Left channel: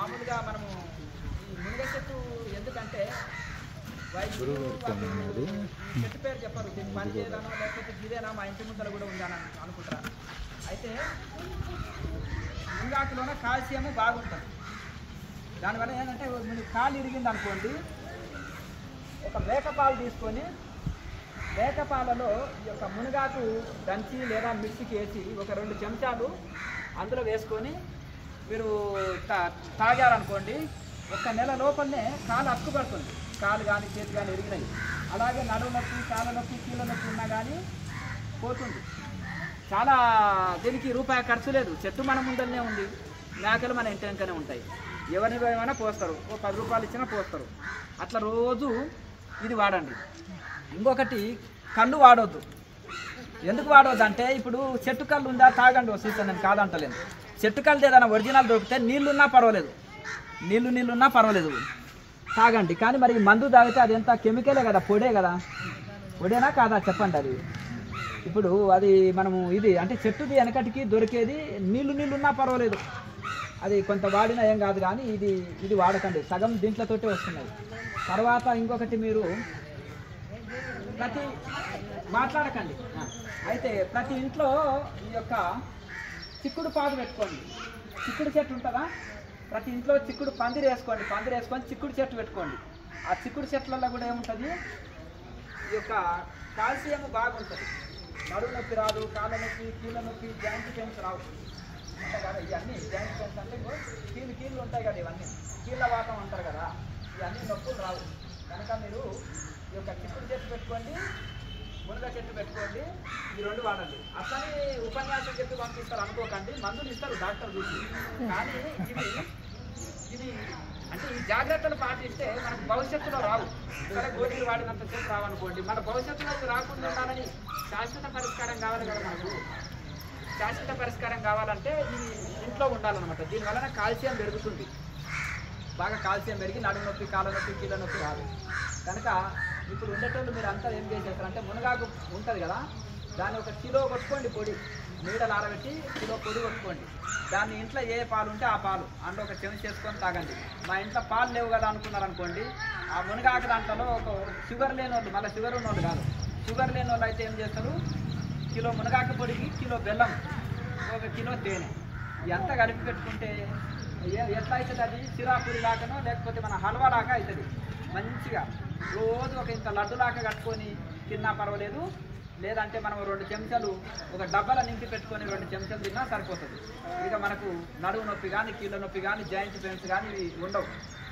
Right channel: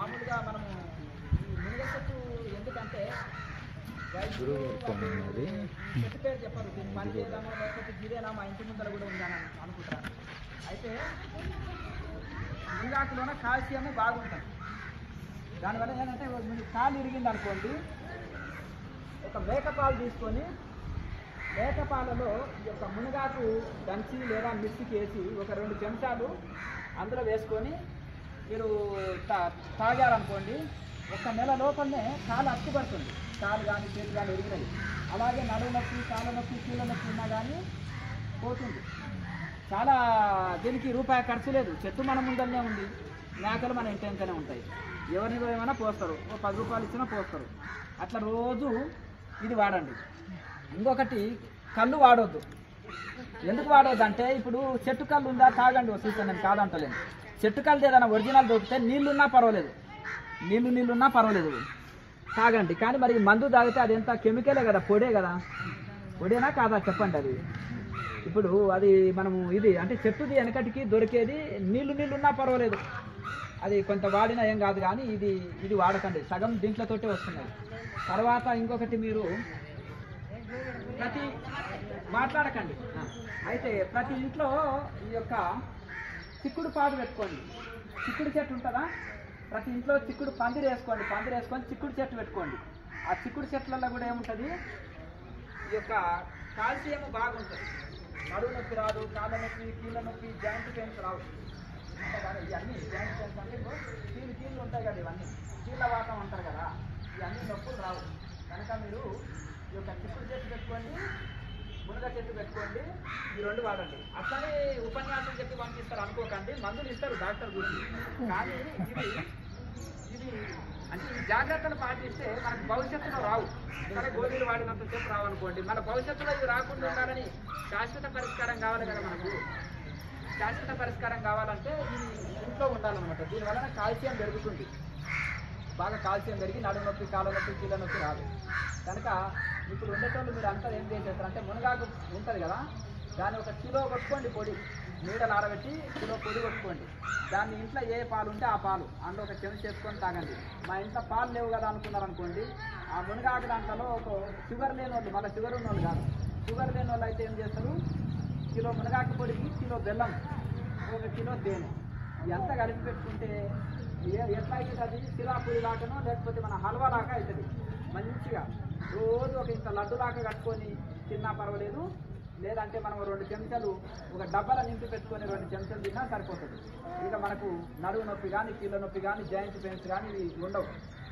మామూలుగా మనము ఈ మునగ చెట్టు ఎందుకంటే వైద్యులు చెట్టు పేరు చెప్పరు, దీన్ని పని చేయడానో లేకపోతే గిదేనా మా ఇంటి ముందర కూడా ఉందని అనుకుంటారు. అయితే మునగాకులోనే కాల్షియం బాగుంటుంది. దానివల్ల ఏంటంటే కాలు ఇరిగింది అనుకోండి, ఒక మేకపాలు తీసుకొని మేకపాలలో ఈ యొక్క మునగాకు దంచి లేదా మిక్సీకి వేసి ఒక 2 చెంచాలు అందులో వేసుకొని మీరు తాగారనుకోండి, 1 నెల లోపలనే కాలు అక్కుపడుతుంది. కాలు కానీ చేతి కానీ ఎరిగినాయి. అలాగే నడుము నొప్పి, కాళ్ళ నొప్పి, కీళ్ళ నొప్పి ఉన్నా కానీ పోతుంది. చాలా దీనికి రూపాయి ఖర్చు లేదు. చెట్టు మన ముందరనే ఉంది, మేకలు మన ఇంటి వెంకనే ఉంటాయి. ఎవరిని ఏమైనా పోస్తారు, ఓ 10 రూపాయలు ఇచ్చినా పోస్తారు. అట్లా రోజు ఇది వాడండి. ఇంకొకటి కళ్ళు వాడవద్దు. ఎందుకు వాడవద్దు అంటే, ఇప్పుడు చెట్టు కళ్ళు ఉందా తాగండి, ఓ సీజన్ నేను కాదంటలేను. చెట్టు కళ్ళు ఏదైనా ఒరిజినల్ దొరికితే నీళ్ళున్నా పర్వాలేదు, నీళ్ళున్నా పర్వాలేదు తాగండి. కానీ మరి మందు తాగితే అది ఎంత కెమికలే కదా, పొడే కదా. పొడేనా కాదా చెప్పండి. అది ఇప్పుడు అది మనము ఇది అంటే చెట్టుది వెనకటికి దొరికేది నీళ్ళున్నా పర్వాలేదు, అది కొంత వాడినా ఏం కాదు. కానీ ఇది వాడకండి, సగం దీంట్లతోటే వస్తున్నాయి. తర్వాత ఇంకొకటి, మీరు మాట్లాడకండి. అయితే ప్రతి ఇంట్లో ఈ యొక్క చిక్కుడు పాదు పెట్టుకోండి. చిక్కుడు చెట్టు ఉంటుందా, ప్రతి ఇంట్లో చిక్కుడు పందిరి వేసుకొని చిక్కుడు చెట్టు పెట్టుకోండి. ఆ చిక్కుడు చెట్లలో కూడా ఏముంటుంది, ఈ యొక్క కాల్షియం బాగుంటుంది. నడుము నొప్పి రాదు, కాళ్ళ నొప్పి, కీళ్ళ నొప్పి, జాయింట్ పెయిన్స్ రావు ఉంటాయి కదా. ఇవన్నీ జాయింట్ పెయిన్స్ అంటే కీళ్ళు ఉంటాయి కదా, ఇవన్నీ కీళ్ళ వాతం అంటారు కదా, ఇవన్నీ నొప్పులు రావు. కనుక మీరు ఈ యొక్క చిక్కుడు చెట్టు పెట్టుకోండి, మునగ చెట్టు పెట్టుకోండి, ఈ 2 వాడండి. అట్లనే ఉపన్యాసం చెప్పి పంపిస్తారు అనుకోకండి, మందులు ఇస్తారు డాక్టర్ గురించి. కానీ ఇది అంటే ఈ జాగ్రత్తలు పాటిస్తే మనకు భవిష్యత్తులో రావు. సరే గోళీలు వాడినంత సేపు రావనుకోండి, మన భవిష్యత్తులో ఇది రాకుండా ఉండాలని శాశ్వత పరిష్కారం కావాలి కదా. మనకు శాశ్వత పరిష్కారం కావాలంటే ఇది ఇంట్లో ఉండాలన్నమాట. దీనివలన కాల్షియం పెరుగుతుంది, బాగా కాల్షియం పెరిగి నడుము నొప్పి, కాళ్ళ నొప్పి, కీళ్ళ నొప్పి రాదు. కనుక ఇప్పుడు ఉండేటోళ్ళు మీరు అంతా ఏం చేసేస్తారంటే, మునగాకు ఉంటుంది కదా, దాన్ని 1 కిలో కొట్టుకోండి పొడి, నీడలు ఆరబెట్టి కిలో పొడి కొట్టుకోండి. దాన్ని ఇంట్లో ఏ పాలు ఉంటే ఆ పాలు అందులో 1 చెంచా చేసుకొని తాగండి. మా ఇంట్లో పాలు లేవు కదా అనుకున్నారనుకోండి, ఆ మునగాకు దాంట్లో ఒక షుగర్ లేని వాళ్ళు, మళ్ళీ షుగర్ ఉన్న వాళ్ళు కాదు, షుగర్ లేని వాళ్ళు అయితే ఏం చేస్తారు, కిలో మునగాకు పొడికి కిలో బెల్లం, 1 కిలో తేనె ఎంత కలిపి పెట్టుకుంటే ఎట్లా అవుతుంది, అది సిరాపూరి లాగానో లేకపోతే మన హల్వా లాగా అవుతుంది. మంచిగా రోజు ఒక ఇంత లడ్డు లాగా కట్టుకొని తిన్నా పర్వాలేదు. లేదంటే మనం 2 చెంచాలు ఒక డబ్బాలో నింపి పెట్టుకొని 2 చెంచాలు తిన్నా సరిపోతుంది. ఇక మనకు నడుము నొప్పి కానీ, కీళ్ళ నొప్పి కానీ, జాయింట్ పెయిన్స్ కానీ ఇవి ఉండవు.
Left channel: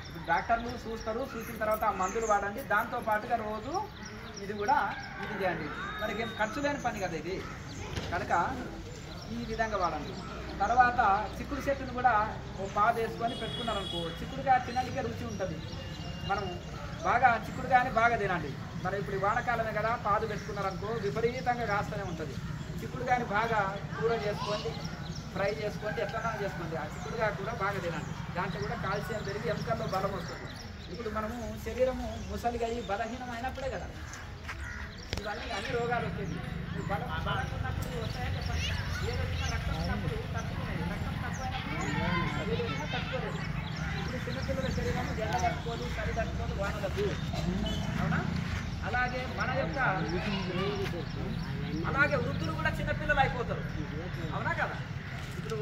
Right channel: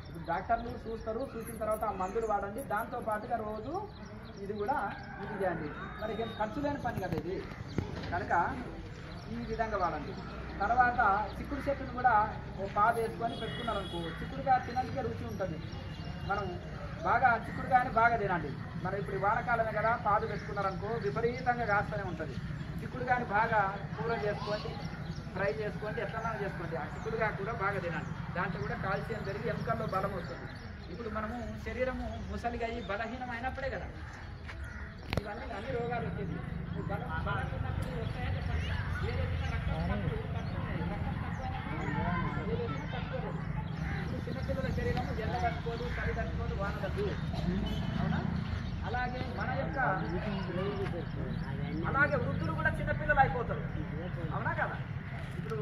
ఇప్పుడు డాక్టర్లు చూస్తారు, చూసిన తర్వాత ఆ మందులు వాడండి. దాంతోపాటుగా రోజు ఇది చేయండి. మనకి ఏం ఖర్చు లేని పని కదా ఇది. కనుక ఈ విధంగా వాడండి. తర్వాత చిక్కుడు చెట్టును కూడా ఓ పాదు వేసుకొని పెట్టుకున్నారనుకో, చిక్కుడుగా తినడానికే రుచి ఉంటుంది. మనం బాగా చిక్కుడుగానే బాగా తినండి. మరి ఇప్పుడు ఈ వానకాలమే కదా, పాదు పెట్టుకున్నారనుకో విపరీతంగా కాస్తూనే ఉంటుంది. చిక్కుడుగాని బాగా కూర చేసుకోండి, ఫ్రై చేసుకోండి, ఎట్లా చేసుకోండి. ఆ చిక్కుడుగా కూడా బాగా తినండి. దాంట్లో కూడా కాల్షియం పెరిగి ఎముకల్లో బలం వస్తుంది. ఇప్పుడు మనము శరీరము ముసలిగా అయ్యి బలహీనం అయినప్పుడే కదా ఇవన్నీ అన్ని రోగాలు వచ్చేది. బలహీనప్పుడు చిన్నపిల్లల శరీరము జల్ల కట్టుకోదు, సరి కట్టుకోదు, వానవద్దు. అవునా? అలాగే మన యొక్క వృద్ధులు కూడా చిన్నపిల్లలు అయిపోతారు. అవునా కదా? ఇప్పుడు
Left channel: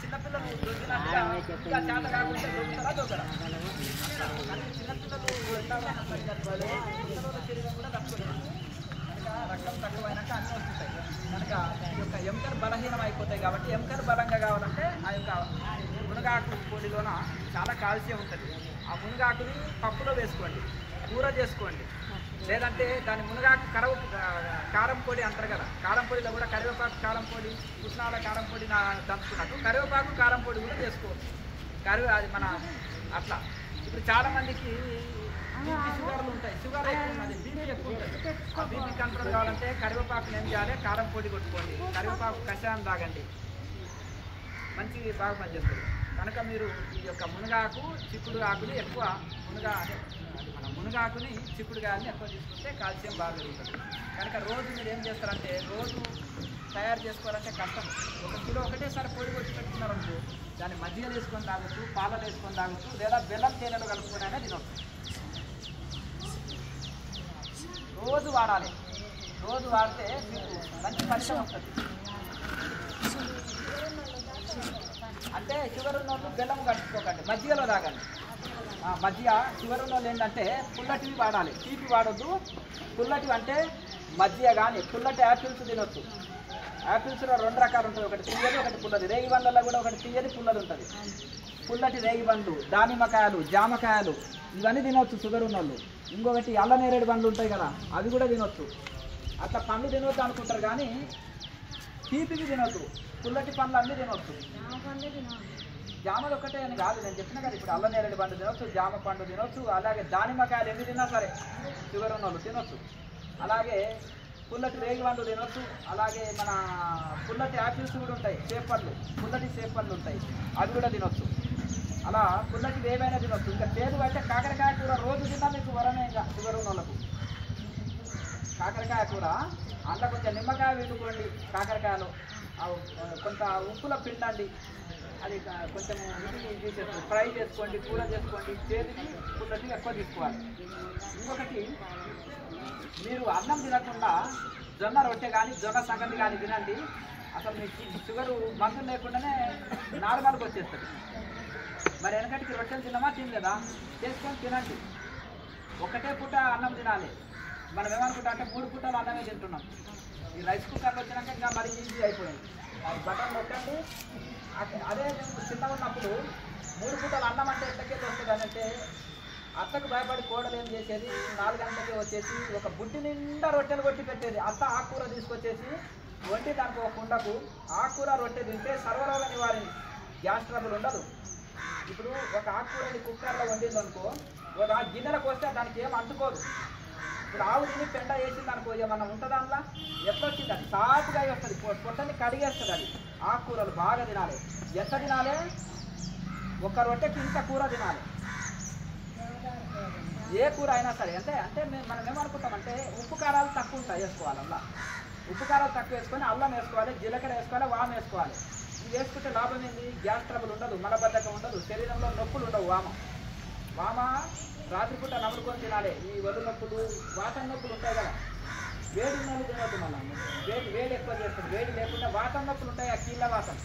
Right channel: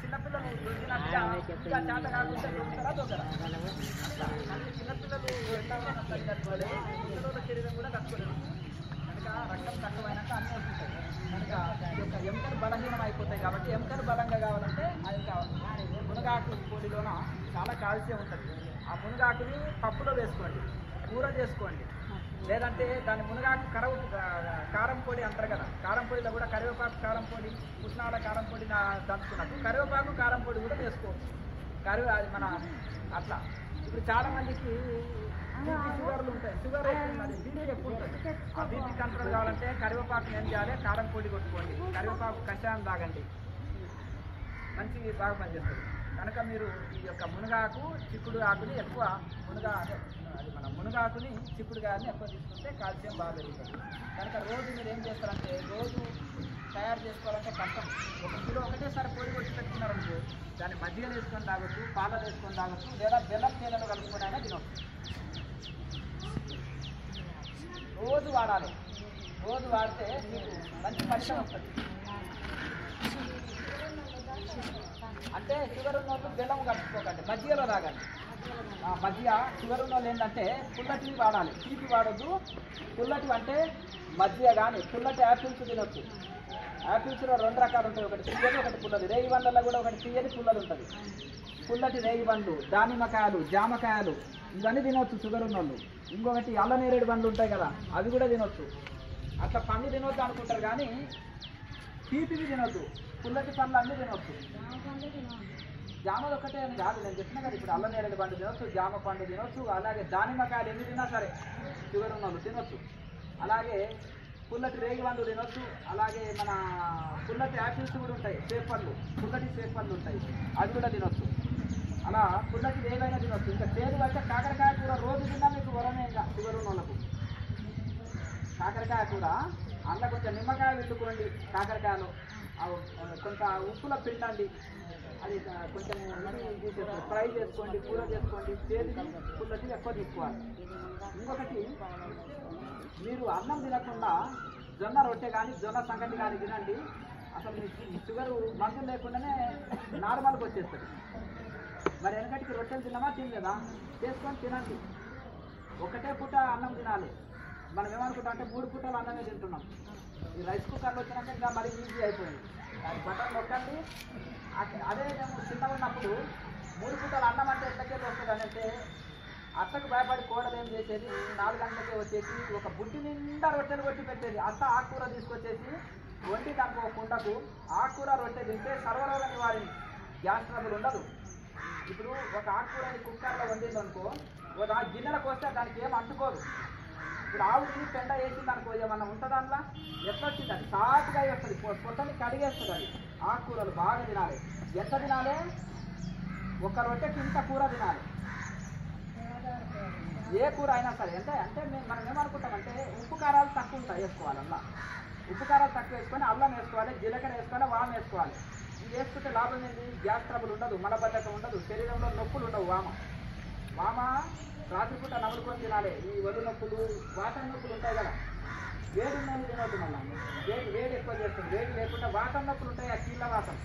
చిన్నపిల్లలు దొరికినట్టుగా ఇంకా చేత కాకుండా దొరుకుతారా దొరకరా? చిన్నపిల్లలు పిల్లల శరీరం కూడా కట్టుకోవాలి. కనుక రక్తం తక్కువైనాక అన్నీ వస్తుంటాయి. కనుక ఈ యొక్క ఎముకలు బలహీనం అయిపోతాయి. కాబట్టి ఎముకలు బలంగా కావాలంటే ఆ యొక్క మునగాకు పొడిలోన చాలా కాల్షియం ఉంటుంది. ఆ మునగాకుని పప్పులో వేసుకోండి, కూర చేసుకోండి. లేదంటే దాని మునగాకు కారం పొడి అంటారు కదా, కారం పొడిలో కూడా కరివేపాకు కారం పొడి, పుట్నాల కారం పొడి దంచుకున్నట్టు కరివేపాకు కారం పొడి కూడా వేసుకోవచ్చు. అది మన అట్లా. ఇప్పుడు చాలామందికి షుగర్లు ఉంటాయి, షుగర్ బీపీ ఎక్కువ ఉంటుంది. ఆ బీపీ కంట్రోల్ కావాలంటే కరివేపాకుని ఏం చేయాలి, కారం పొడి కొట్టుకోండి, కరివేపాకు కషాయం తాగండి, మంచి బాగా పనిచేస్తుంది. కనుక మీరు ఈ యొక్క మునగాకు, చిక్కుడు ఆకుని ఎక్కువ అది మన మునగాకుని, చిక్కుడుగాయని ఎక్కువ తీసుకుంటే కాల్షియం బాగా పెరుగుతుంది. కనుక రోజు మీరు ఏం చేస్తారంటే, రోజు తయారు చేసుకోవాలంటే కష్టం. 1 కిలో ఒకటేసారి పొడి కొట్టి పెట్టుకున్నారనుకో దాన్ని మజ్జిగలు వేసుకొని తాగొచ్చు, పాలలు వేసుకొని తాగొచ్చు, లేదా బెల్లం తేనెలు కలుపుకొని అయినా తినొచ్చు. రోజు వాడాలి. రోజు వాడితే మీకు మంచి ఫలితం వస్తుంది. అంటే షుగర్ ఉన్న వాళ్ళు బెల్లం కట్టుకోకండి, మజ్జిగలో తాగండి. మజ్జిగ షుగర్ ఉన్న వాళ్ళు ఏంటంటే పుల్లటివి వాడాలి, తీపి వాడొద్దు. పుల్లటివి అంటే మజ్జిగ కానీ పుల్లటి యాపిల్స్ తినొచ్చు. యాపిల్స్లో 2 రకాలు ఉంటాయి, ఒకటి తీయది ఒకటి పుల్లది. రేగి పండ్లలో కూడా ఒకటి తీయది పుల్లది ఉంటుంది. పుల్లటి రేగి పండ్లు, దానిమ్మకాయలు, జామకాయలు ఇవన్నీ తినొచ్చు షుగర్ ఉన్న వాళ్ళు. ఇంకొకటి అల్ల నేరేడు పండ్లు ఉంటాయి కదా, అవి కూడా తినొచ్చు. అట్లా పండ్లు తినొద్దు అనుకుంటారు కానీ తీపివి తినొద్దు, పుల్లటి పండ్లు అన్నీ తినొచ్చు. జామలు ఒక్కటే అని కాదు, నేను చెప్పిన కదా ఇప్పుడు అల్ల నేరేడు పండు తినొచ్చు, జామ పండు తినొచ్చు, అలాగే దానిమ్మకాయలు ఎన్ని తిన్నా సరే షుగర్ ఉన్న వాళ్ళు తినొచ్చు. అలాగే పుల్లటి రేగి పండ్లు తినొచ్చు. అలాగే మన పుల్లటి యాపిల్స్ కూడా ఉంటాయి, సేపళ్ళు, పుల్లటి సేపళ్ళు ఉంటాయి, అవి కూడా తినొచ్చు. అలా పుల్లటి ఏవైనా తినొచ్చు. ఇంకా చేదు అంటే కాకరకాయ కూర రోజు తిన్నా మీకు వరమే. ఇంకా షుగర్ ఉన్న వాళ్ళకు కాకరకాయ కూర అందులో కొంచెం నిమ్మకాయ పిండుకోండి, కాకరకాయలు కొంత ఉప్పులో పిండండి, అది కొంచెం ఇది ఫ్రై చేసుకోండి, కూర చేసుకోండి. చేతిని పుల్లటి ఎక్కువ తీసుకోవాలి. ఇంకొకటి మీరు అన్నం తినకుండా జొన్న రొట్టె కానీ జొన్న సంగతి కానీ తినండి. అసలు మీకు షుగరు మందులు లేకుండానే నార్మల్గా వచ్చేస్తుంది. మరి వెనకటికి రొట్టెలు తిన్నామా తినలేదా, చేసుకొని తినండి. ఒకటే పూట అన్నం తినాలి. మనం ఏమనుకుంటాం అంటే 3 పూటలు అన్నమే తింటున్నాం. ఈ రైస్ కుక్కర్లు వచ్చినాక ఇంకా మరీ ఈజీ అయిపోయింది. బటన్ నొక్కండి. అదే నేను చిన్నగా ఉన్నప్పుడు 3 పూటలు అన్నం అంటే ఎట్లకెళ్ళి వస్తుంది అని అంటే అత్తకు భయపడి కోడలు ఏం చేసేది, 4 గంటలకే వచ్చేసి ఒక బుడ్డి నిండా రొట్టెలు కొట్టి పెట్టేది. అత్త ఆకుకూర తీసుకొచ్చేసి వండి దానికి ఒక కుండకు ఆకుకూర రొట్టె తింటే సర్వరోగ నివారణ, గ్యాస్ ట్రబుల్ ఉండదు. ఇప్పుడు ఒక ఆకుకూరని కుక్కర్లో వండిందనుకో, ఒక గిన్నెలకు వస్తే దానికి ఏం అంటుకోదు. ఇప్పుడు ఆవు తిని పెండ వేసింది అనుకో, ఏమన్నా ఉంటుంది అందులో, ఎట్లా వచ్చింది అది సాఫ్గా వస్తుంది, పొట్టని కడిగేస్తుంది. అది ఆకుకూరలు బాగా తినాలి. ఎంత తినాలి, ఒక రొట్టెకి ఇంత కూర తినాలి. ఏ కూర అయినా సరే. అంటే మనం ఏమనుకుంటామంటే ఉప్పు కారాలు తక్కువ ఉంటాయి వేసుకోవాలి. అలా ఉప్పు కారాలు తక్కువ వేసుకొని అల్లం వేసుకోవాలి, జీలకర్ర వేసుకోవాలి, వాము వేసుకోవాలి. ఇది వేసుకుంటే లాభం ఏంది, గ్యాస్ ట్రబుల్ ఉండదు, మలబద్ధకం ఉండదు, శరీరంలో నొప్పులు ఉండవు. వామ రాత్రిపూట నమ్ముకొని తినాలి. ఈ ఒళ్ళు నొప్పులు, వాతం నొప్పులు ఉంటాయి కదా, వేడి నొప్పులు తినవద్దు. మళ్ళీ వేడి ఎక్కువ చేస్తుంది. వేడి లేకుండా వాతం నొప్పులు ఉంటాయి, ఆ కీళ్ళ వాతం.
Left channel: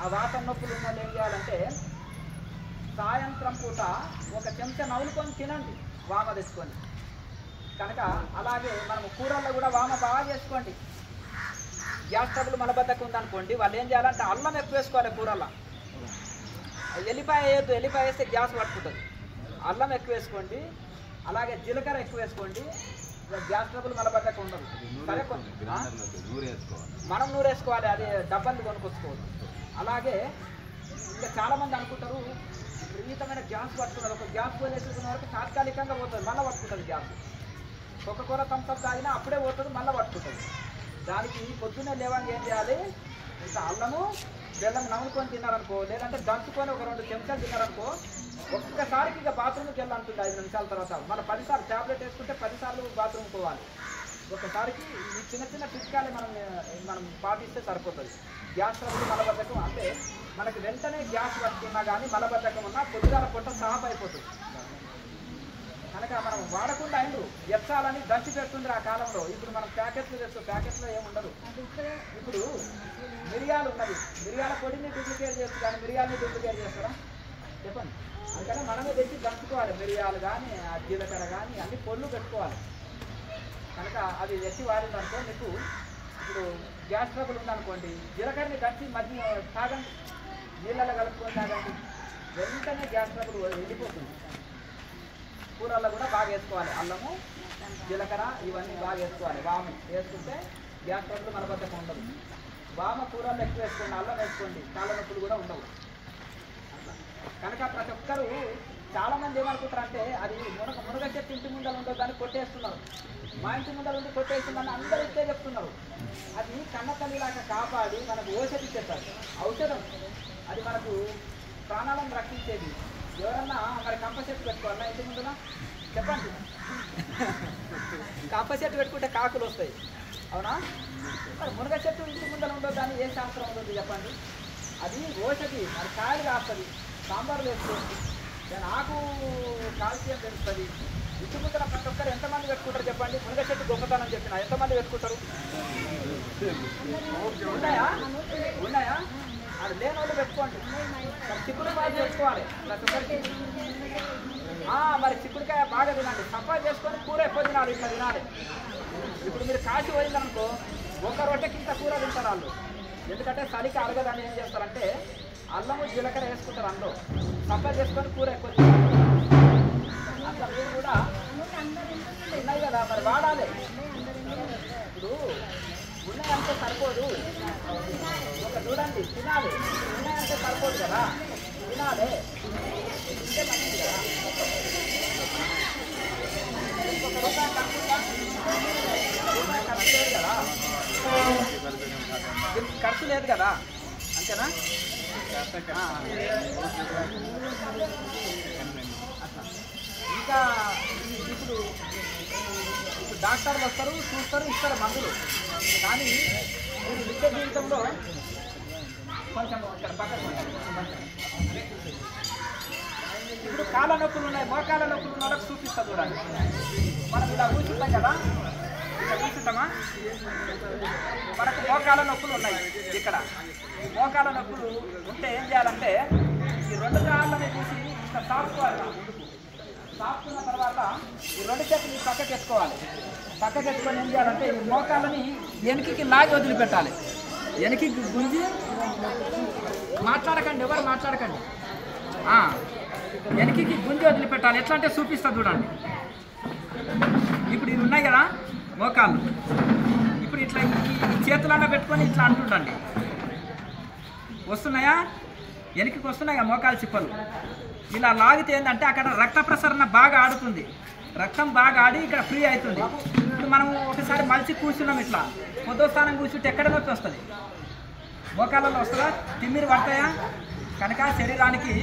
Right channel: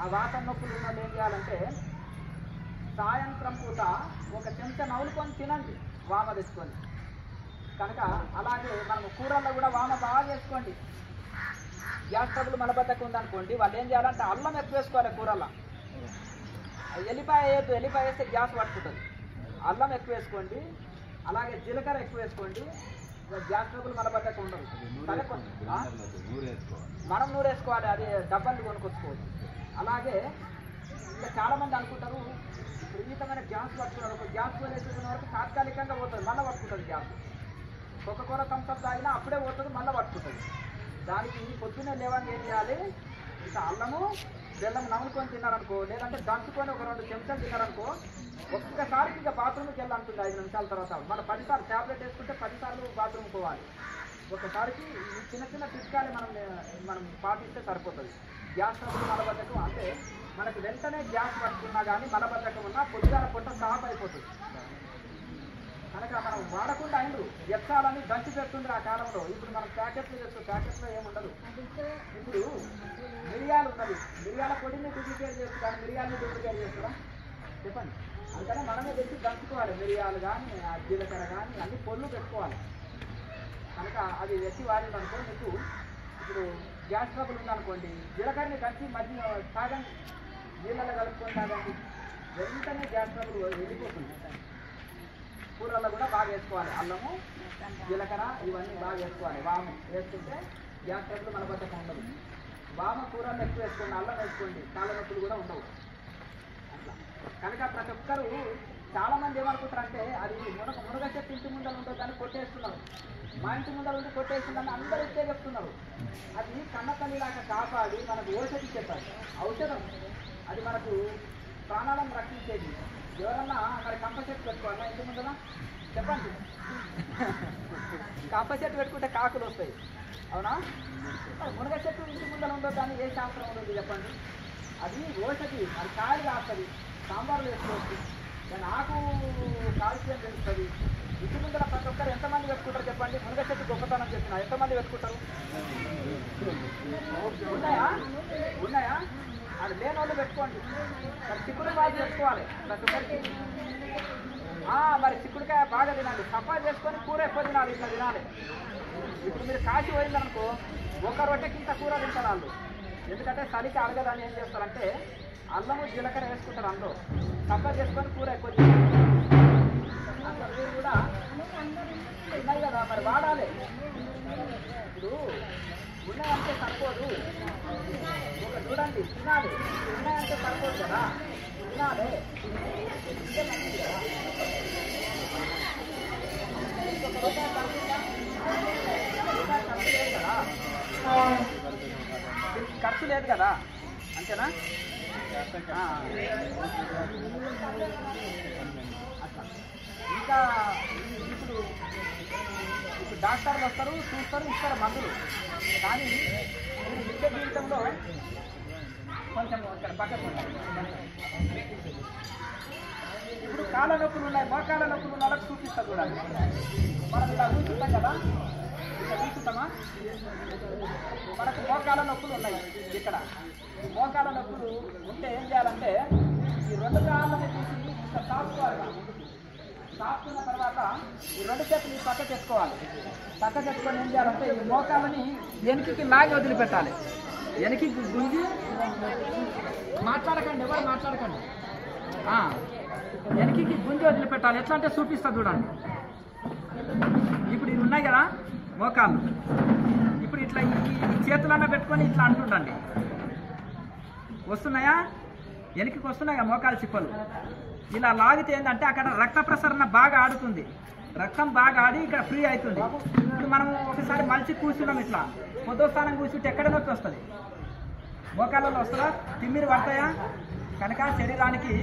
ఆ వాతం నొప్పులు ఉన్న వాళ్ళు ఏం చేయాలంటే సాయంత్రం పూట ఒక చెంచా నవ్వులుకొని తినండి, వామ తెచ్చుకొని. కనుక అలాగే మనం కూరల్లో కూడా వామ బాగా వేసుకోండి. గ్యాస్ ట్రబుల్ మలబద్ధకం ఉందనుకోండి, వాళ్ళు ఏం చేయాలంటే అల్లం ఎక్కువ వేసుకోవాలి కూరల్లో. ఎల్లిపాయ వేయద్దు, ఎల్లిపాయ వేస్తే గ్యాస్ పట్టుకుంటుంది. అల్లం ఎక్కువ వేసుకోండి, అలాగే జీలకర్ర ఎక్కువ వేసుకోండి. గ్యాస్ ట్రబుల్ మలబద్ధకం ఉండదు. మనం నూరేసుకోవాలి, అది డబ్బాలు కొనుక్కొచ్చుకోవడం. అలాగే ఇంకా చాలామంది అనుకుంటారు విపరీతమైన గ్యాస్ పట్టుకున్నారు. ఒక గ్యాస్ పోలేసిన వరకు తాత్కాలికంగా పోతుంది, మళ్ళీ పట్టుకుంటుంది గ్యాస్. ఒక కూర కంపం తాగినా అప్పుడే పోతుంది, మళ్ళీ పట్టుకుంటుంది. దానికి పొద్దున్నే లేవాలని ఏం చేయాలి, ఇంత అల్లము బెల్లం నవ్వుకొని తిన్నారనుకో, లేదంటే దంచుకొని ఒక 2 చెంచాలు తిన్నారనుకో, ఒక్కసారికి ఇక బాత్రూమ్కి వెళ్ళాలంటుంది 5 నిమిషాల తర్వాత. మన 10 సార్లు ట్యాబ్లెట్ వేసుకుంటే 10 సార్లు బాత్రూమ్ పోవాలి. ఒకసారికి ఈ చిన్న చిన్న చిట్కాలు మనం పాటిస్తే సరిపోతుంది. గ్యాస్ ట్రబుల్ మలబద్ధకం అంటే మనకి వెంటనే గ్యాస్ పట్టుకున్నా కానీ మలబద్ధకం ఉన్నా పొద్దుగాల పొట్ట సాఫ్ అయిపోతుంది. కనుక మనం వాడకుండా అయిండు ఎచ్చాలని దంచి పెడుతుంది ఆ కాలంలో. ఇప్పుడు మనం ప్యాకెట్లు తెస్తాం, ప్యాకెట్లో ఏముండదు. ఇప్పుడు మిరియాలు ఉన్నది, మిరియాల పొడిని డూప్లికేట్ చేస్తుంది, కానీ మిరియాలని డూప్లికేట్ చేస్తారా చెప్పండి. అందుకని మనమే తెచ్చి దంచుకోవాలి. మిరియాలు కానీ ఆ జీలకర్ర కానీ అన్ని పొళ్ళు పెట్టుకోవాలి. కనుక అది తెచ్చి వాడిందనుకో మీకు ఇప్పుడు గ్యాస్ ట్రబుల్ ఉందనుకోండి, జీలకర్రని దంచి మధ్య తాగండి, నీళ్ళలో కలుపుకొని తాగండి, వెంటనే గ్యాస్ ట్రబుల్ వెళ్ళిపోతుంది. కూరల్లో కూడా బాగా వేసుకోవాలి, అల్లము జీలకర్ర ఇవన్నీ బాగా వేసుకోవాలి. వాము వేసుకుంటే గ్యాస్ ట్రబుల్ మలబద్ధకం ఉండదు. వామ కూరల్లో ఎక్కువ వేసుకోండి, అల్లం వేసుకోండి, చాలా నొప్పులు కూడా ఉండవు. కనుక ప్రతి ఒక్కరు చాలామంది ఏమనుకుంటారంటే అది మునగ చెట్టు ఇంటి ముందర ఉంటుంది దాన్ని కొట్టేస్తున్నారు, మా ఇంటి ముందర ఉండి కొట్టేస్తుందని అందరూ ఇట్టే చెప్తున్నారు. అది కన్నతల్లిలాగా కాపాడి మనకు ఔషధి ఇచ్చేస్తారు, ఔషధం. అది మనకు ప్రాణాలను రక్షించేది. ఎవరన్నా మరి కంప చెట్టు పెట్టుకోవాలా ఇంటి ముందున చెప్పండి. కంప చెట్టు పెట్టుకుంటే కాకులు వస్తాయి, అవునా? మునగ చెట్టు ఇంటి ముందర ఉండదు దాన్ని ఏ శాస్త్రం ఉంది చెప్పండి? అది ఓషధి, అది కాయలు కాస్తుంది, సాంబార్ వేసుకోవచ్చు, దాని ఆకు కాల్షియం పెరుగుతుంది. ఇంటి ముందర ప్రతి ఒక్కరు ఎంతమంది పెట్టుకుంటారు చెప్పండి? మునగ చెట్టు గొప్పతనం చెప్పిన ఎంతమంది పెట్టుకుంటారు? ఉన్నాయా? అది లేని వాళ్ళు పెట్టుకోండి. చిక్కుడుకాయ పెట్టుకోవాలి ప్రతి ఒక్కరికి. మరి చిక్కుడుకాయ బాగా తినాలి, సఫా చేసుకొని కూర ఎక్కువ తినాలి, ఇట్లా తినాలి. ఇప్పుడు మీరు కాశీ పోయిందనుకో ఒక రొట్టెకి ఇంత కూర తింటారు వాళ్ళు. ఎందుకంటే చలికి అరగదని ఏం చేస్తారంటే అల్లము జీలకర్ర వేసుకుంటారు, అందులో సఫా చేసుకొని కూర ఎక్కువ తింటారు. అట్లా మీరు కూడా ఉన్నాయి కదా, మరి వాడాలి. ఇప్పుడు ఉన్నాయంటే సరిపోదు, చూడండి తినాలి. ఉన్నాయంటే సరిపోదు కదా, తినాలి. ఇంతే మంచిది కదా. ఒక రూపాయి ఖర్చుందా? రూపాయి ఖర్చు లేదు కదా, ఖర్చు లేదు కదా, అంతేనా? ఇంకా ఇప్పుడు డాక్టర్లు వస్తారు, చూస్తారు, ఇస్తారు మందులు. కానీ నిత్య జీవితంలో కొంచెం ఇప్పుడు కాళ్ళ నొప్పులు ఉన్నాయి, మోకాళ్ళ నొప్పులు ఉన్న వాళ్ళకి చూపిస్తారు కూడా. మనం ఇలా కూర్చుంటాం కదా, ఇలా కూర్చుంటామా? మనకు మోకాళ్ళ నొప్పులు ఉన్నాయి. ఇక్కడ మోకాళ్ళ నొప్పులు ఉంటే ఏం చేయాలంటే ఈ రెండు కాళ్ళని చూసి ఇంత సాపుకోవాలి. ముందుకు సాపుకున్న తర్వాత ఈ రెండు చేతులు పక్కకి ఎత్తుకోవాలి. పక్కకి ఎత్తుకొని ఏం చేయాలంటే ఈ మోకాళ్ళని వెనక్కి నాగి వదిలిపెట్టాలి. వెనక్కి గుంజి మాట్లాడకండి, ఎవరు మాట్లాడకండి. వెనక్కి గుంజి వదిలిపెట్టాలి. ఎట్లా అంటే చూపిస్తా చూడండి. ఇప్పుడు ఇవి ఉన్నాయి కదా మోకాళ్ళు, ఇప్పుడు ఇట్లా ఈ చేతులన్నా పెట్టుకొని ఇట్లా అంటుండండి. వస్తున్నాయా? వెనక్కి వస్తున్నాయి కదా మోకాలు చిప్పలు. ఇలా లాగితే ఏంటంటే అక్కడ రక్త ప్రసరణ బాగా ఆడుతుంది, రక్తం బాగా ఆడి ఇక్కడ ఫ్రీ అవుతుంది. ఇప్పుడు మనం ఒకసారి మలిచి కూర్చున్నాం, ఇట్లా పొద్దు స్థానం కూర్చుంటే ఎక్కడ నొప్పి వస్తుంది? మోకాళ్ళలో వస్తుందా? తిమ్మిరి పడతాయా? కనుక శరీరానికి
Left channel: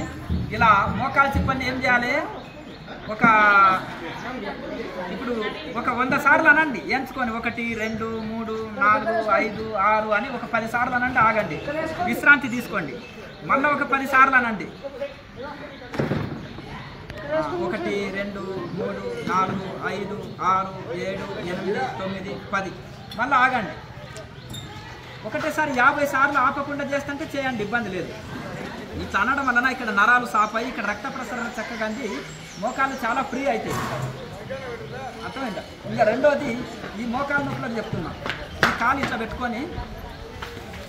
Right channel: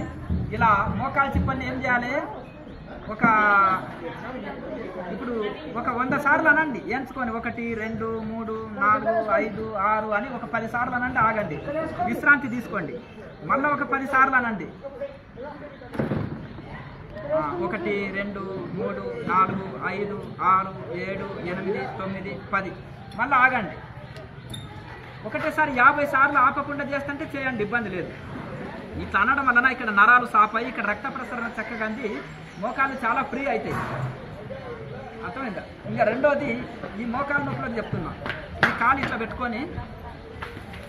ఇలా మోకాలు చిప్పల్ని ఏం చేయాలి? ఇప్పుడు ఒక 100 సార్లు అనండి ఎంచుకొని, 1 2 3 4 5 6 అని ఒక 10 సార్లు అనండి, ఆగండి, విశ్రాంతి తీసుకోండి. మళ్ళీ ఒక 10 సార్లు అనండి. 1 2 3 4 5 6 7 8 9 10 మళ్ళీ ఆగండి. ఒకటేసారి 50 సార్లు ఆపకుండా చేస్తుంటే చేయండి, ఇబ్బంది లేదు. ఇట్లా అనడం వలన ఇక్కడ నరాలు సాపాయి, ఇక్కడ రక్త ప్రసరణ చక్కగా అంది, మోకాళ్ళు చాలా ఫ్రీ అవుతాయి. అర్థమైందా? ఇంకా రెండోది ఈ మోకాలు నొప్పులకు చెప్తున్నా. ఈ కాలు ఇట్లా పెట్టుకొని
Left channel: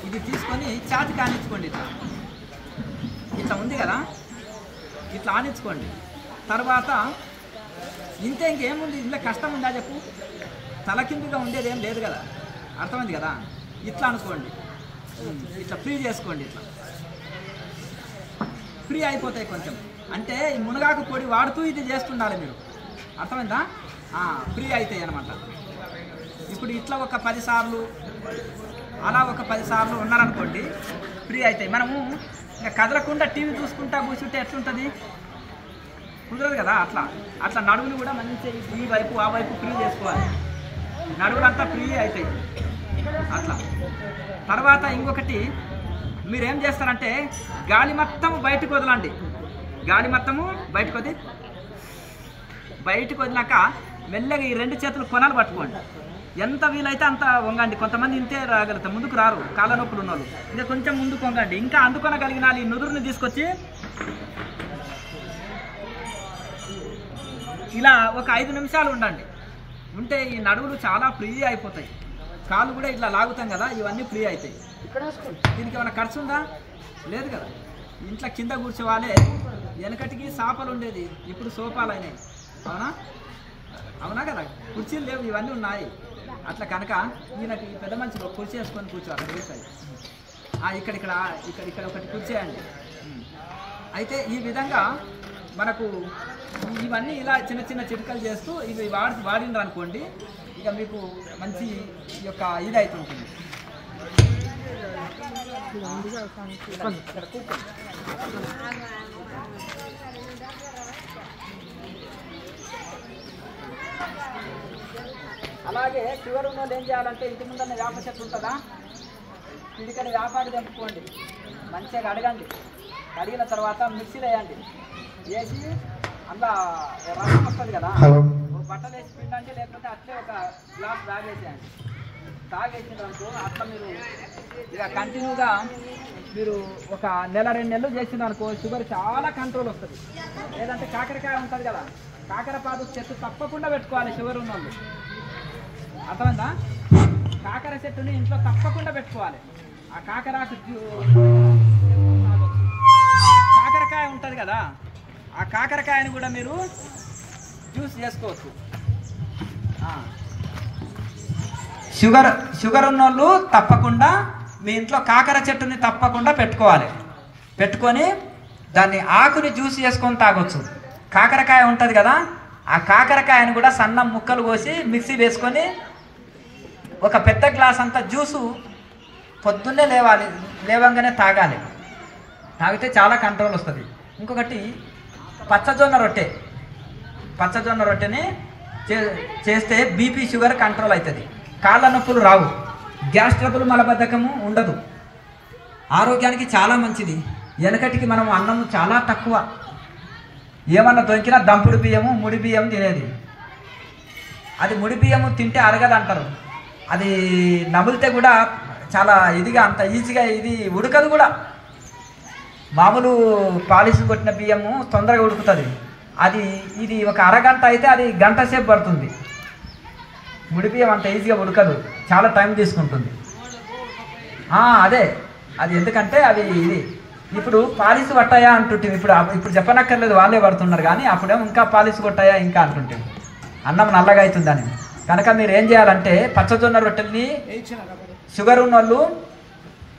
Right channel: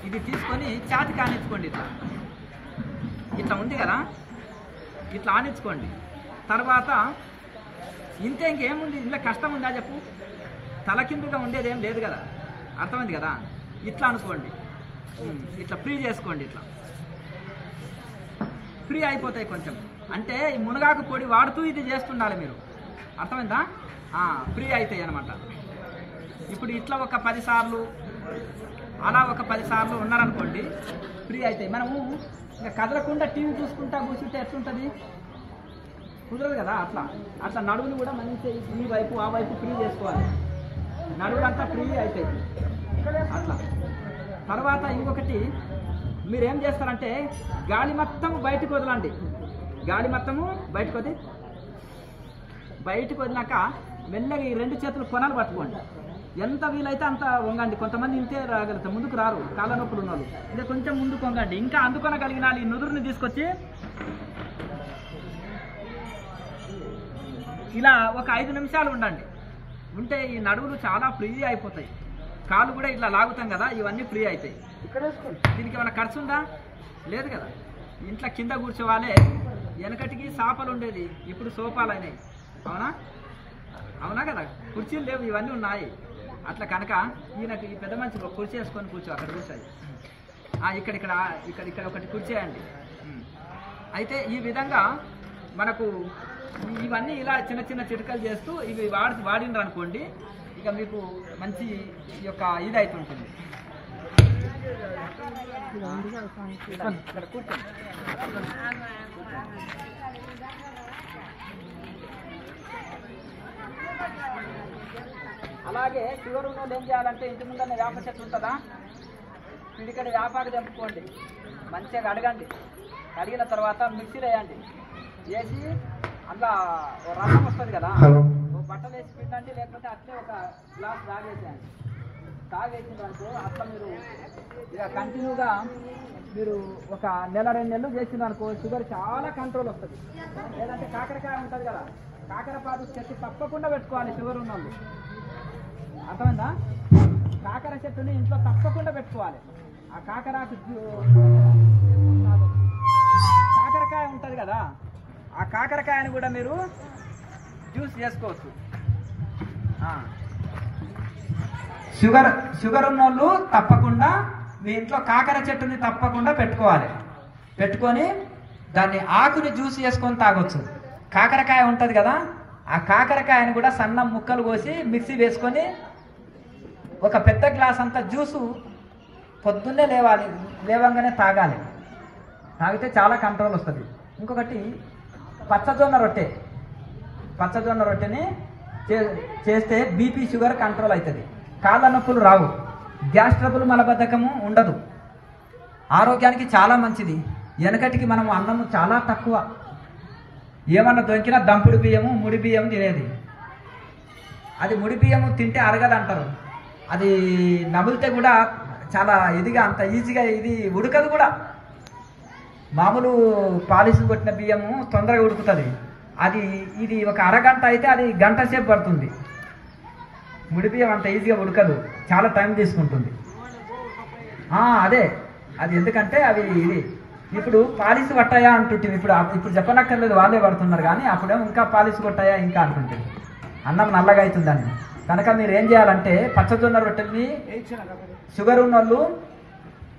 ఇది తీసుకొని ఛాతికి ఆనించుకోండి. ఇట్లా ఉంది కదా, ఇట్లా ఆనించుకోండి. తర్వాత ఇంకేముంది ఇంట్లో కష్టం ఉందా చెప్పు? తలకిందుగా ఉండేది ఏం లేదు కదా, అర్థమైంది కదా? ఇట్లా అనుకోండి, ఇట్లా ఫ్రీ చేసుకోండి. ఇట్లా ఫ్రీ అయిపోతాయి కొంచెం. అంటే ఈ మునగాకు పొడి వాడుతూ ఇది చేస్తుండాలి మీరు, అర్థమైందా? ఫ్రీ అవుతాయి అన్నమాట. ఇప్పుడు ఇట్లా ఒక 10 సార్లు, అలా ఒక 10 సార్లు ఉన్నారనుకోండి, ఫ్రీ అవుతాయి. మనము ఇంకా కదలకుండా టీవీ చూసుకుంటా కూర్చుంటే ఎట్లుంటుంది? కుదరదు కదా. అట్లా నడువులు కూడా మంచిగా ఈ వైపు ఆ వైపు ఫ్రీ చేసుకోవాలి, నడువులంతా ఫ్రీ అవుతాయి అట్లా. తర్వాత ఇంకొకటి మీరేం చేస్తారంటే గాలి మొత్తం బయటకు వదలండి. గాలి మొత్తము బయటకు వదిలాక మెల్లగా ఈ 2 చేతులు కొనాలు పట్టుకోండి. ఎంత వీలైతే అంత వంగండి. కొంతమంది ఇంతే రాగలుగుతారు, ముందుకు రారు, కాళ్ళ నొప్పులు ఉన్నోళ్ళు. ఇంకా కొంచెం ముందుకు వంగండి. ఇంకా అందుకొనగలిగిన ఈ నుదురుని తీసుకొచ్చి ఇలా ఒక 5 నిమిషాలు ఉండండి. ఉంటే ఈ నడువులు చాలా ఫ్రీ అయిపోతాయి. కాళ్ళు కూడా ఇట్లా లాగుతాం కదా, ఇవన్నీ ఫ్రీ అవుతాయి. దీనికి ఏమైనా ఖర్చు ఉందా? లేదు కదా. ఇంట్లో కింద కూర్చోవాలే. వెనకటికి సాపలు ఉండేది, ఇప్పుడు సోఫాలు అయినాయి. అవునా కదా, కుర్చీలు లేవు, ఇవన్నీ ఉన్నాయి. అట్లా కనుక ఈయనకి ఈ పెద్ద మంచి కుర్చీ వేసుకొని కూర్చో, అక్కడ కూర్చోయి. ఇక్కడ ఒకటి కూర్చేయండి. అయితే ఈ విధంగా మనకు ఇవన్నీ ఇలా చిన్న చిన్న చిట్కలు చేస్తూ ఇవి వాడినరు అనుకోండి, ఇక మీకు మంచి యొక్క ఇది అవుతుంటుంది. అలాగే అలాగే షుగర్ ఉన్న వాళ్ళు ఏం చేయాలంటే ఇంటి ముందన్న వేప చెట్టు ఉంటుందా, పిడికడ వేపాకు తెంపుకోండి, మంచిగా కడగండి, కడిగిన తర్వాత మిక్సీలో వేయండి, వేసి అందులో రసం వస్తుంది కదా, ఓ బట్టలు వేసి పిండండి, లేకపోతే అట్లే ఒక గ్లాస్ తాగేసేయండి. తాగేసినారనుకో అట్లా మీరు ఇక కంటిన్యూగా మీరు ఒక నెల 2 నెలలు చేసినారనుకో షుగర్ చాలా కంట్రోల్ వస్తుంది. లేదంటే కాకరకాయ ఉంటుంది కదా, కాకరపాదు చెట్టు తప్పకుండా పెట్టుకోవాలి షుగర్ ఉన్న వాళ్ళు. అర్థమైందా? కాకర చెట్టుని ఇంట్లో తప్పకుండా పెట్టుకోవాలి. ఆ కాకరాకు కాకరకాయ ఉంటుంది కదా, ఆ కాకరకాయని కూడా మీరు జ్యూస్ చేసుకోవచ్చు. షుగర్ ఉన్న వాళ్ళు తప్పకుండా మీ ఇంట్లో కాకర చెట్టుని తప్పకుండా పెట్టుకోవాలి. పెట్టుకొని దాన్ని ఆకుని జ్యూస్ చేసుకొని తాగొచ్చు. కాకరకాయ ఉంటుంది కదా, ఆ కాకరకాయని కూడా సన్న ముక్కలు కోసి మిక్సీ వేసుకొని ఒక పెద్ద గ్లాస్ అంతా జ్యూసు పొద్దున్నే లేవంగానే తాగాలి. తాగితే చాలా కంట్రోల్ వస్తుంది. ఇంకొకటి పచ్చజొన్న రొట్టెని చేస్తే బీపీ షుగర్ కంట్రోల్ అవుతుంది. కాళ్ళ నొప్పులు రావు, గ్యాస్ ట్రబుల్ మలబద్ధకము ఉండదు, ఆరోగ్యానికి చాలా మంచిది. వెనకటికి మనం అన్నము చాలా తక్కువ, ఏమన్నా దొరికినా దంపుడు బియ్యము ముడి బియ్యం తినేది. అది ముడి బియ్యము తింటే అరగదు అంటారు, అది నమిలితే కూడా చాలా ఇదిగా అంత ఈజీగా ఇది ఉడకదు కూడా. మామూలు పాలిష్ కొట్టిన బియ్యము తొందరగా ఉడుకుతుంది, ఇది ఒక అరగంట అయితే అది గంట సేపు పడుతుంది. ముడి బియ్యం అంత ఈజీగా ఉడకదు, చాలా టైం తీసుకుంటుంది. అది ఎందుకంటే ఇది ఇప్పుడు పాలిష్ కొట్టాయా అంటుంటుంది. ఇప్పుడు చెప్పనక్కర్లేదు, వాళ్ళే పడుతున్నారు. కానీ అప్పుడేమో ఇంకా పాలిష్ కొట్టాయా ఇంకా అంటుంటుంది, అన్నం నల్లగా అవుతుందని. కనుక మీరు ఏం చేయాలంటే పచ్చజొన్న రొట్టెల్ని షుగర్ ఉన్న వాళ్ళు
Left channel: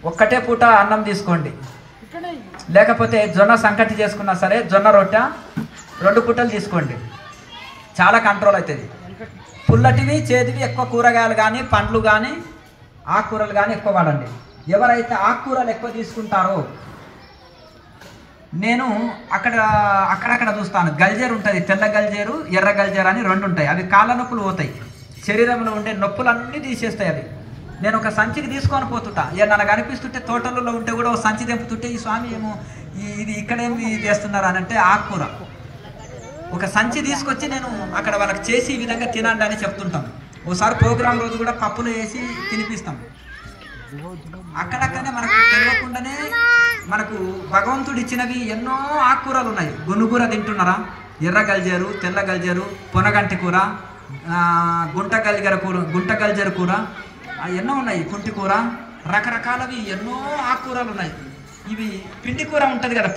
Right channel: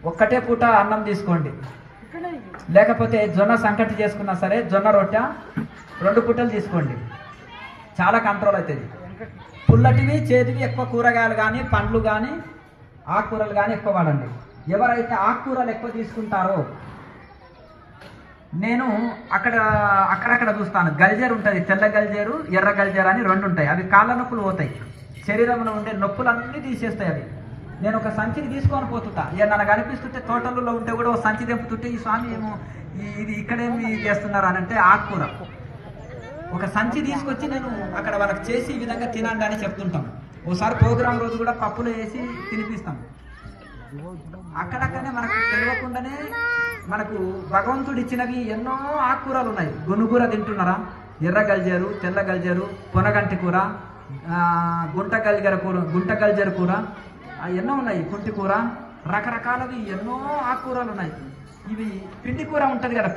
ఒక్కటే పూట అన్నం తీసుకోండి, లేకపోతే జొన్న సంకటి చేసుకున్నా సరే జొన్న రొట్టె 2 పూటలు తీసుకోండి, చాలా కంట్రోల్ అవుతుంది. పుల్లటివి చేతివి ఎక్కువ కూరగాయలు కానీ పండ్లు కానీ ఆకుకూరలు కానీ ఎక్కువ వాడండి. ఎవరైతే ఆకుకూరలు ఎక్కువ తీసుకుంటారో, నేను అక్కడక్కడ చూస్తాను, గల్జేరు ఉంటుంది, తెల్ల గల్జేరు ఎర్ర గల్జేరు అని 2 ఉంటాయి. అవి కాళ్ళ నొప్పులు పోతాయి, శరీరంలో ఉండే నొప్పులన్నీ తీసేస్తాయి అవి. నేను ఒక సంచికి తీసుకొని పోతుంటా, నాకు అనిపిస్తుంటే తోటలలో ఉంటే కూడా ఒక సంచి తెంపుతుంటే ఈ స్వామి ఏమో ఇది ఇక్కడేమి చేస్తున్నారు అని అంటే ఆకుకూర ఒక సంచి తీసుకొచ్చి నేను అక్కడ వాళ్ళకి చేసి ఈ విధంగా తినండి అని చెప్తుంటాం. ఓసారి ప్రోగ్రాం రోజు కూడా పప్పులు వేసి తినిపిస్తాం. అక్కడక్కడనే మనకు తెలియకుండానే మనకు భగవంతుడు ఇచ్చినవి ఎన్నో ఆకుకూరలు ఉన్నాయి. గునుగూర తింటున్నారా, ఎర్ర గల్జేరు, తెల్ల గల్జేరు, పొనగంటి కూర, గుంట గల్జేరు కూర, ఎన్నో ఉన్నాయి, కుంటి కూర, రకరకాలవి ఎన్నో ఆకుకూరలు ఉన్నాయి. ఇవి పిండి కూర ఉంటుంది కదా,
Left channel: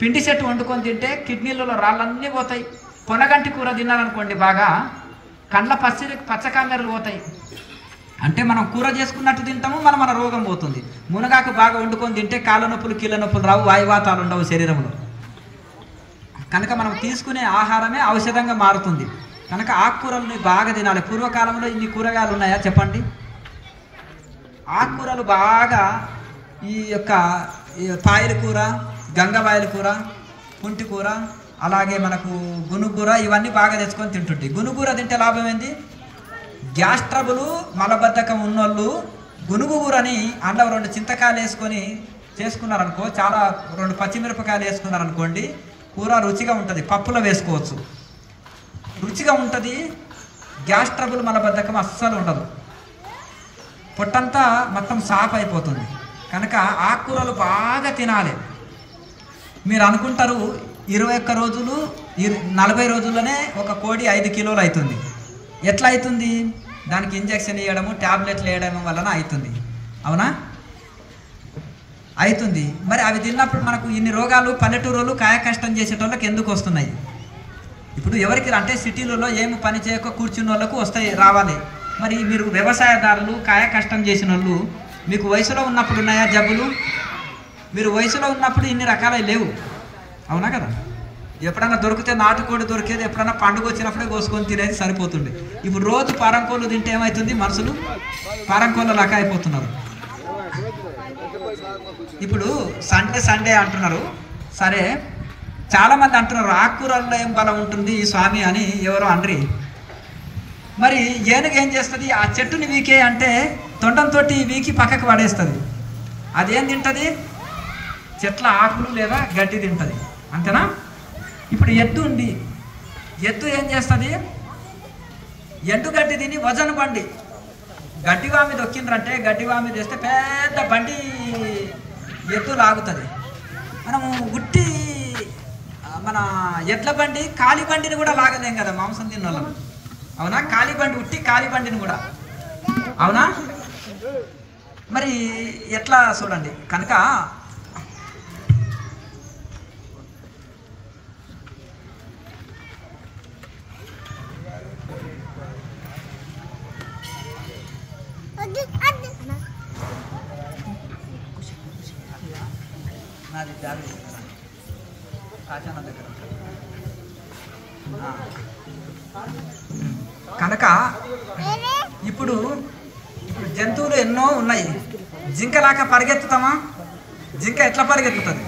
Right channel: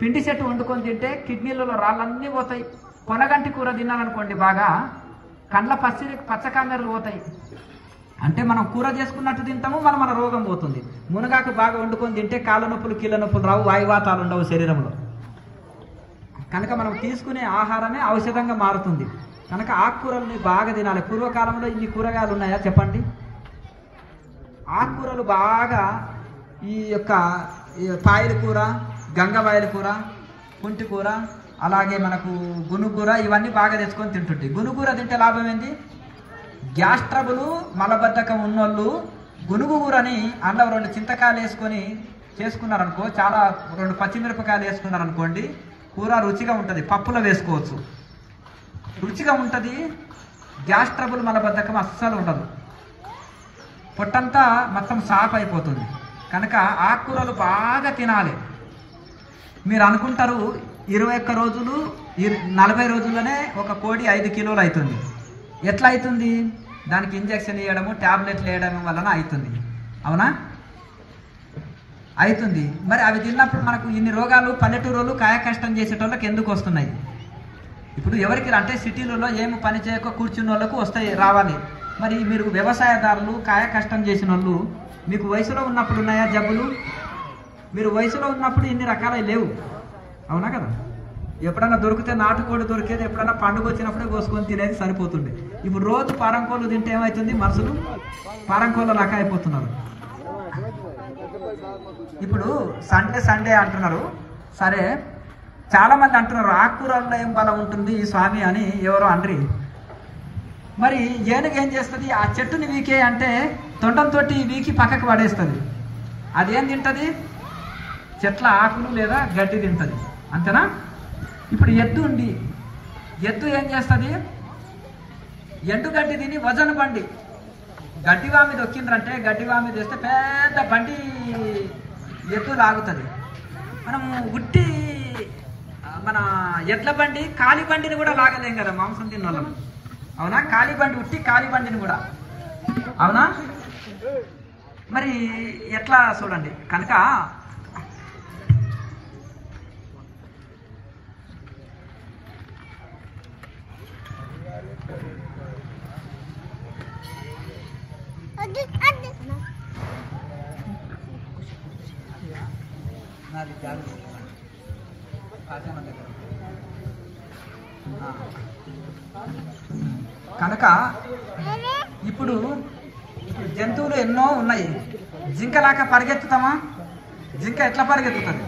పిండి చెట్టు వండుకొని తింటే కిడ్నీలలో రాళ్ళన్నీ పోతాయి. పొనగంటి కూర తిన్నారనుకోండి బాగా కండ్ల పచ్చకామెర్లు పోతాయి. అంటే మనం కూర చేసుకున్నట్టు తింటాము, మన రోగం పోతుంది. మునగాకు బాగా వండుకొని తింటే కాళ్ళ నొప్పులు కీళ్ళ నొప్పులు రావు, వాయువాతాలు ఉండవు శరీరంలో. కనుక మనం తీసుకునే ఆహారమే ఔషధంగా మారుతుంది. కనుక ఆకుకూరల్ని బాగా తినాలి. పూర్వకాలంలో ఇన్ని కూరగాయలు ఉన్నాయా చెప్పండి? ఆకుకూరలు బాగా ఈ యొక్క పాయల కూర, గంగవాయల కూర, కుంటి కూర, అలాగే మనకు గునుగూర ఇవన్నీ బాగా తెచ్చుకొని తింటుంటాయి. గునుగూర తింటే లాభం ఏంది? గ్యాస్ ట్రబుల్ మలబద్ధకం ఉన్నోళ్ళు గునుగూరని అందులో 2 చింతకాయలు వేసుకొని చేసుకున్నారనుకో, చాలా 2 పచ్చిమిరపకాయలు వేసుకున్నారనుకోండి, కూర రుచిగా ఉంటుంది. పప్పులో వేసుకోవచ్చు, రుచిగా ఉంటుంది. గ్యాస్ ట్రబుల్ మలబద్ధకం అస్సలు ఉండదు, పొట్టంతా మొత్తం సాఫ్ అయిపోతుంది. కనుక ఆకుకూరలు బాగా తినాలి. మీరు అనుకుంటారు 21 రోజులు 40 రోజుల్లోనే ఒక కోడి 5 కిలోలు అవుతుంది. ఎట్లా అవుతుంది? దానికి ఇంజక్షన్ వేయడము, ట్యాబ్లెట్లు వేయడం వలన అవుతుంది. అవునా? అవుతుంది. మరి అవి తిన్నప్పుడు మనకు ఇన్ని రోగాలు పల్లెటూరులో కాయ కష్టం చేసేటోళ్ళకి ఎందుకు వస్తున్నాయి? ఇప్పుడు ఎవరికి అంటే సిటీలలో ఏమి పని చేయక కూర్చున్న వాళ్ళకు వస్తాయి, రావాలి. మరి మీరు వ్యవసాయదారులు, కాయ కష్టం చేసిన వాళ్ళు, మీకు వయసులో ఉన్నప్పుడు ఉన్నాయా జబ్బులు? మీరు వయసులో ఉన్నప్పుడు ఇన్ని రకాలవి లేవు, అవునా కదా? ఎప్పుడన్నా దొరికితే నాటుకోడి దొరికేది, ఎప్పుడన్నా పండుగ వచ్చినప్పుడే కోసుకొని తినేది సరిపోతుండే. ఇప్పుడు రోజు పారంకోళ్ళు తింటే ఏమవుతుంది? మనుషులు పారంకోళ్ళ లాగా అయిపోతున్నారు. ఇప్పుడు సండే అంటున్నారు. సరే, చాలామంది అంటున్నారు ఆకుకూరల్లో ఏం బలం ఉంటుంది ఈ స్వామి అని. ఎవరో అండ్రి మరి ఏనుగు ఏం చేస్తుంది? ఆ చెట్టుని వీకే అంటే తొండంతో వీకి పక్కకు పడేస్తుంది. అదేం తింటుంది? చెట్ల ఆకులు లేదా గడ్డి తింటుంది, అంతేనా? ఇప్పుడు ఎద్దు ఉంది, ఎద్దు ఏం చేస్తుంది? ఎండుగడ్డి తిని వజన బండి గడ్డివా మీద దొక్కిండ్రంటే గడ్డివా మీద వేస్తే పెద్ద బండి ఎద్దు లాగుతుంది. మనము ఉట్టి మన ఎడ్ల బండి కాలి బండిని కూడా లాగలేం కదా మాంసం తిన్న వాళ్ళం, అవునా? కాలి బండి ఉట్టి కాలి బండిని కూడా, అవునా? మరి ఎట్లా చూడండి కనుక కనుక ఇప్పుడు జంతువులు ఎన్నో ఉన్నాయి. జింకలాగా పరిగెత్తుతామా? జింక ఎట్లా పరిగెత్తుతుంది?